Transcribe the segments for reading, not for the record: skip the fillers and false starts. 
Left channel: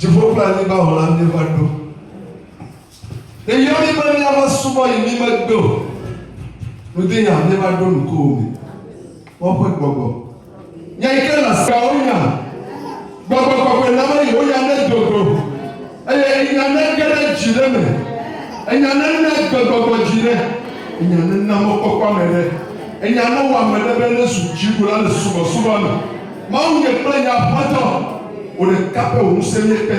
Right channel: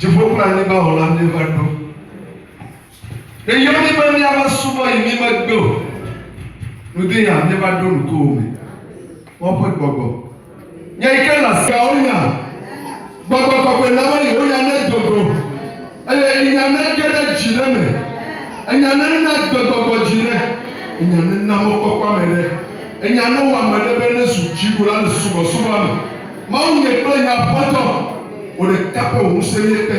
Je veux planer ba Hollande va do. Et il y a des gens qui souvent ils me do. Nous disons ne va do nous comme. On peut gogo. Il y a que la saouna. Gogo gogo na ba yo ya na gogo. Il y a na que jireme. Il y a na gogo jire. Il y a na mo kokwa mele. Il y a na wa mele be na suji kula na subo subo na. Ma on ne plein ya poto. On est capable de se mettre.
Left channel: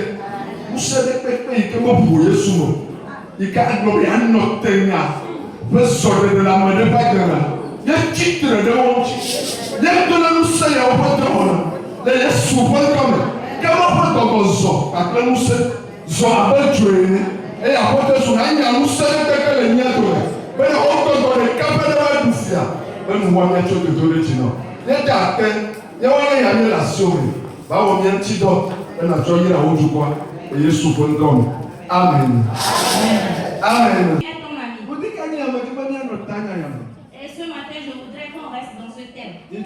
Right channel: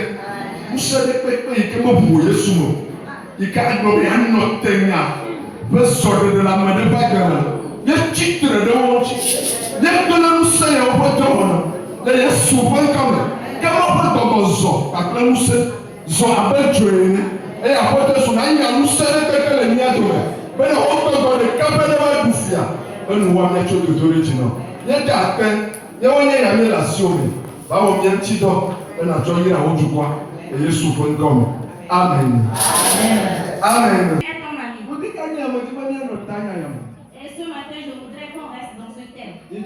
Nous sommes les qui m'ont bouillé sous nous. Il y a un autre thème. Le sort de la main de Bagana. Il y a un titre de mon titre. Il y a un nous sommes au bout de mon. Il y a souvent comme. Comment on peut dire après nous sommes habitués. Et après nous sommes nous sommes les miens de nous. Mais on peut dire que quand on est bouffia, on nous voit mettre de l'original. Il y a des atteintes. Il y a une relation. Bawo bien tido na joyi a ojugwa e Yesu fun dom. Amen. Amen. Et ce matin, je voudrais qu'on reste dans ce thème. Et le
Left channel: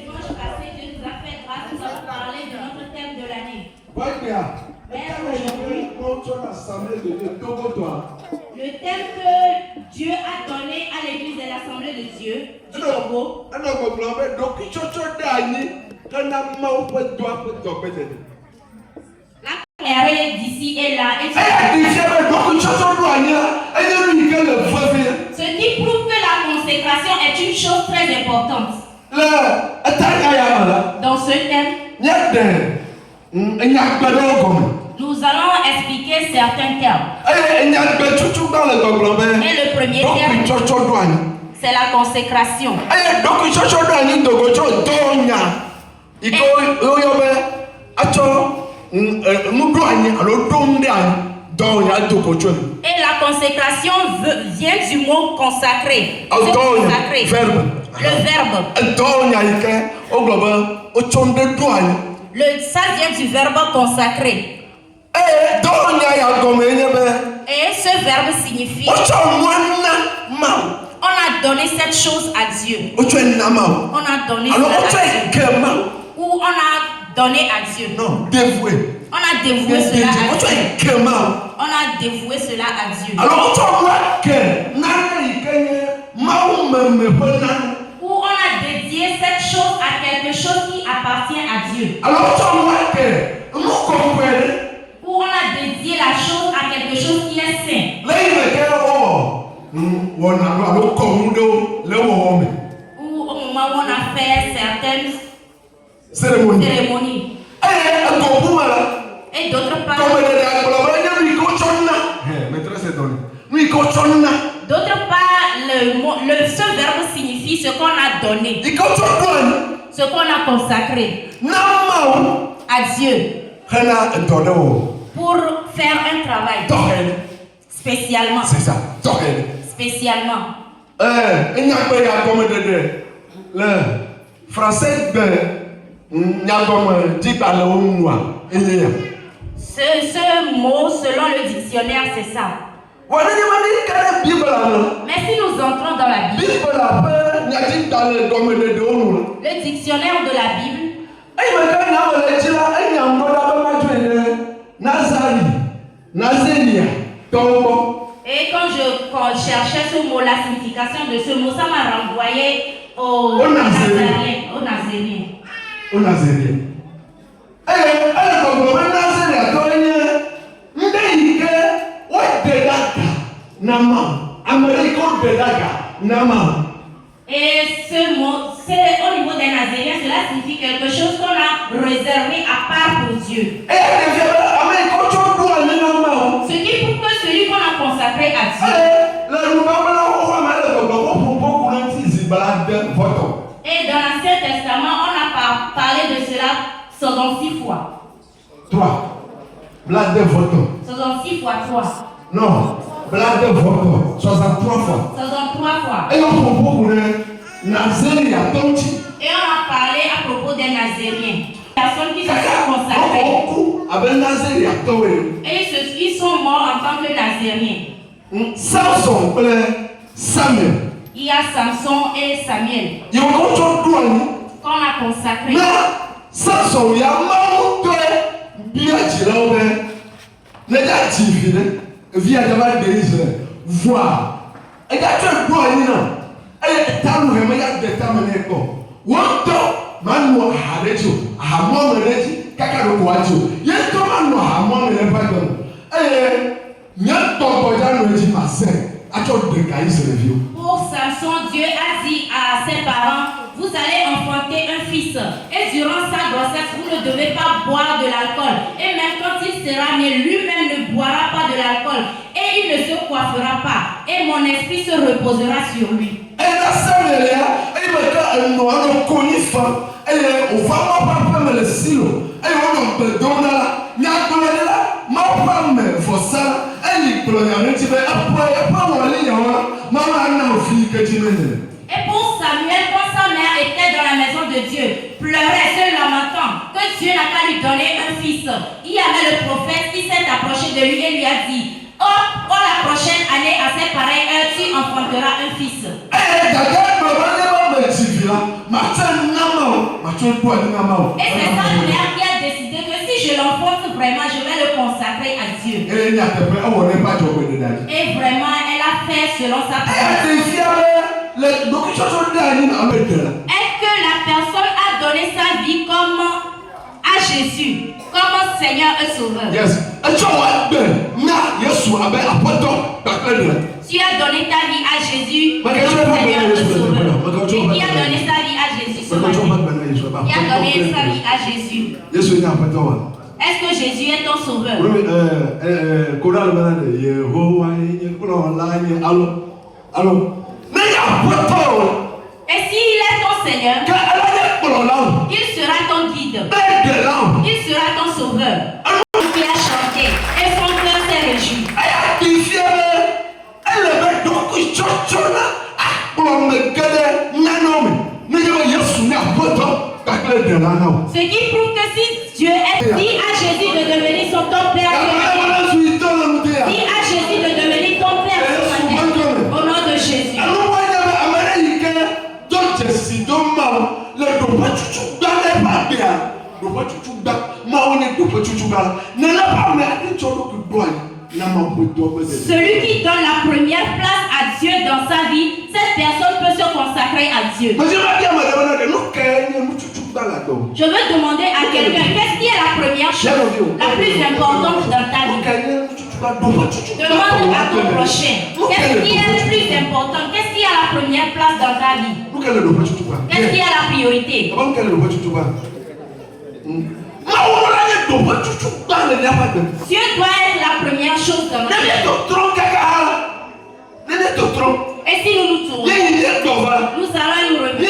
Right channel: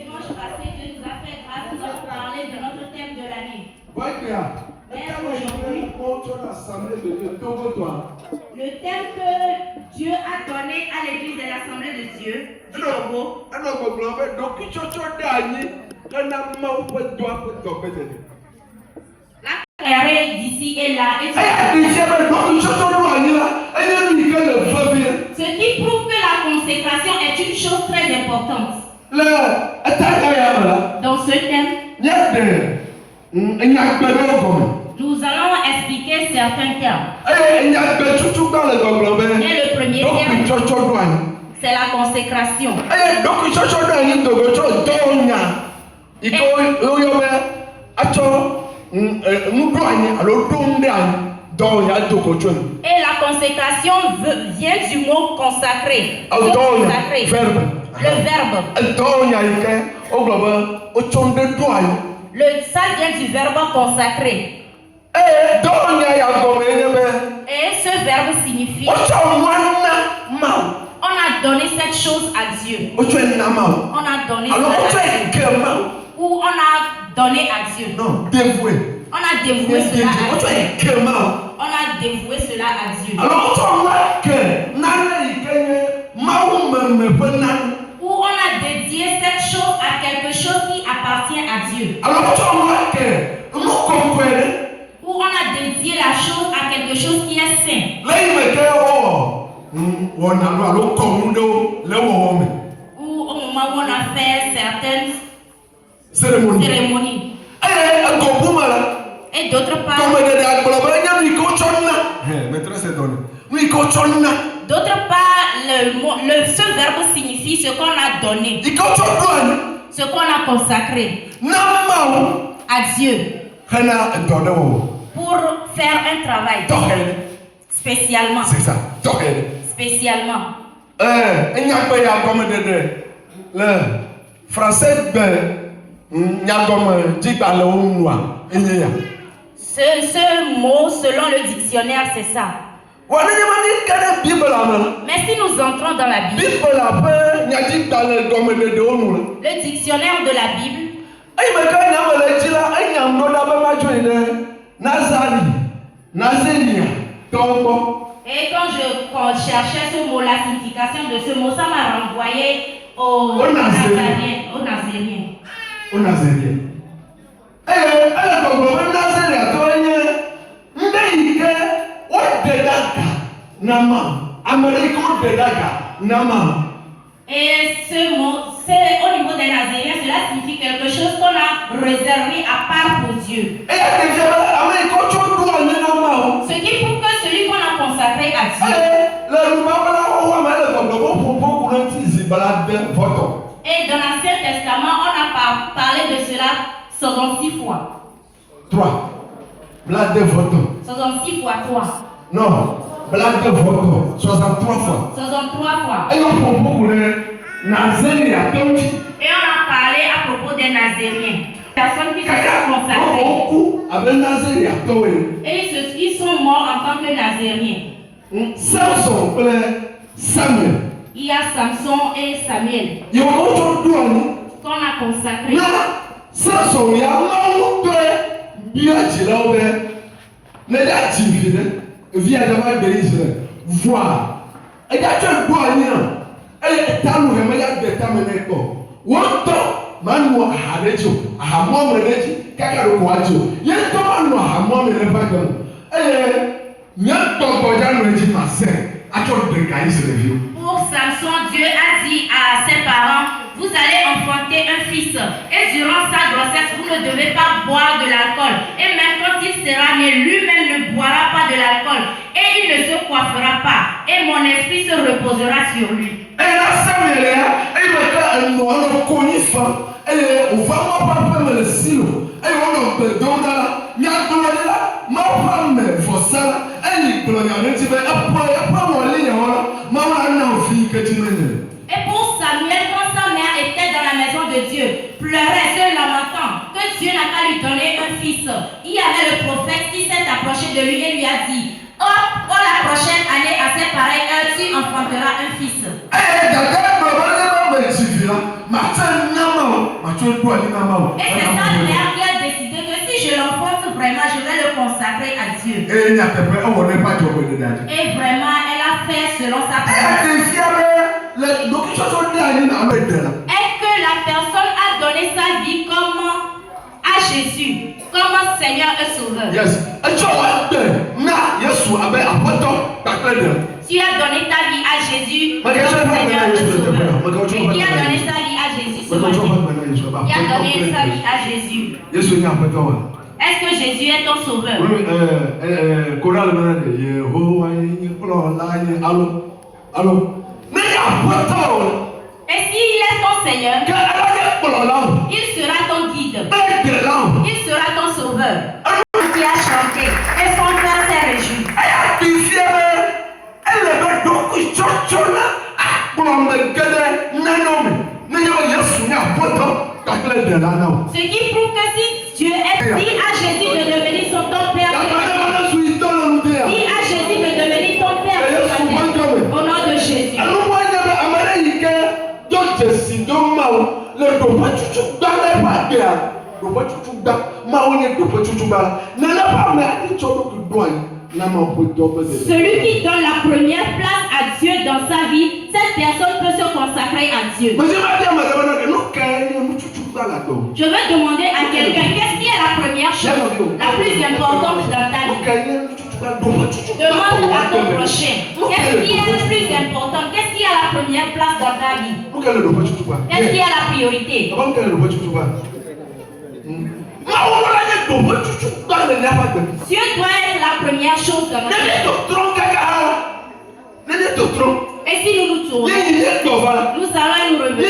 dimanche passé, Dieu nous a fait grâce, nous avons parlé de notre thème de l'année. Le thème que Dieu a donné à l'église de l'Assemblée de Dieu du Togo. La carrière d'ici et là. Ce qui prouve que la consécration est une chose très importante. Dans ce thème, nous allons expliquer certains termes. Et le premier terme, c'est la consécration. Et la consécration vient du mot consacré. Le verbe. Ça vient du verbe consacré. Et ce verbe signifie on a donné cette chose à Dieu. On a donné cela à Dieu. Ou on a donné à Dieu. Non, dévoué. On a dévoué cela à Dieu. On a dévoué cela à Dieu. Ou on a dédié cette chose à quelque chose qui appartient à Dieu. Ou on a dédié la chose à quelque chose qui est saint. Ou au moment où on a fait certaines cérémonies. Et d'autre part, ce verbe signifie ce qu'on a donné, ce qu'on a consacré à Dieu pour faire un travail spécialement. C'est ça. Spécialement. Le français ce mot, selon le dictionnaire, c'est ça. Mais si nous entrons dans la Bible, le dictionnaire de la Bible, et quand je cherchais ce mot, la signification de ce mot, ça m'a renvoyé aux Nazériens. Aux Nazériens. Et ce mot, au niveau des Nazériens, cela signifie quelque chose qu'on a réservé à part pour Dieu. Ce qui prouve que celui qu'on a consacré à Dieu. Et dans l'Ancien Testament, on a parlé de cela 66 fois. 3. 66 fois 3. Non, 63 fois. 63 fois. Et on a parlé à propos des Nazériens. Personnes qui se sont consacrées. Et ils sont morts en tant que Nazériens. Samson, Samuel. Il y a Samson et Samuel Il y a un autre douane. qu'on a consacré. Samson, il y a un autre bien tiré. Les activités via des Israël. Voir. Et il y a un douane. Et il y a un douane. Il y a un douane. Manu aharejo, ahamon mereji, kakaro kwajo. Yeto manu ahamon mereji. Pour Samson, Dieu a dit à ses parents, vous allez enfanter un fils. Et durant sa grossesse, vous ne devez pas boire de l'alcool. Et même quand il sera né, lui-même ne boira pas de l'alcool. Et il ne se coiffera pas. Et mon esprit se reposera sur lui. Et pour Samuel, quand sa mère était dans la maison de Dieu, pleurait, se lamentant, que Dieu n'a qu'à lui donner un fils. Il y avait le prophète qui s'est approché de lui et lui a dit, oh, pour la prochaine année à cette pareille heure, tu enfanteras un fils. Et c'est sa mère qui a décidé que si je l'enfante vraiment, je vais le consacrer à Dieu. Et vraiment, elle a fait selon sa parole. Est-ce que la personne a donné sa vie comme à Jésus, comme Seigneur et Sauveur? Yes. Tu as donné ta vie à Jésus comme Seigneur et Sauveur. Et qui a donné sa vie à Jésus ce matin? Qui a donné sa vie à Jésus? Est-ce que Jésus est ton sauveur? Et s'il est ton Seigneur, il sera ton guide. Il sera ton sauveur. Qui a chanté et son cœur s'est réjoui. Ce qui prouve que si Dieu dit à Jésus de devenir son ton père, dit à Jésus de devenir ton père au nom de Jésus. Celui qui donne la première place à Dieu dans sa vie, cette personne peut se consacrer à Dieu. Je veux demander à quelqu'un, qu'est-ce qui est la première chose, la plus importante dans ta vie? Demande à ton prochain, qu'est-ce qui est le plus important? Qu'est-ce qui a la première place dans ta vie? Qu'est-ce qui a la priorité? Dieu doit être la première chose dans notre vie. Et si nous nous tournons, nous allons nous revenir.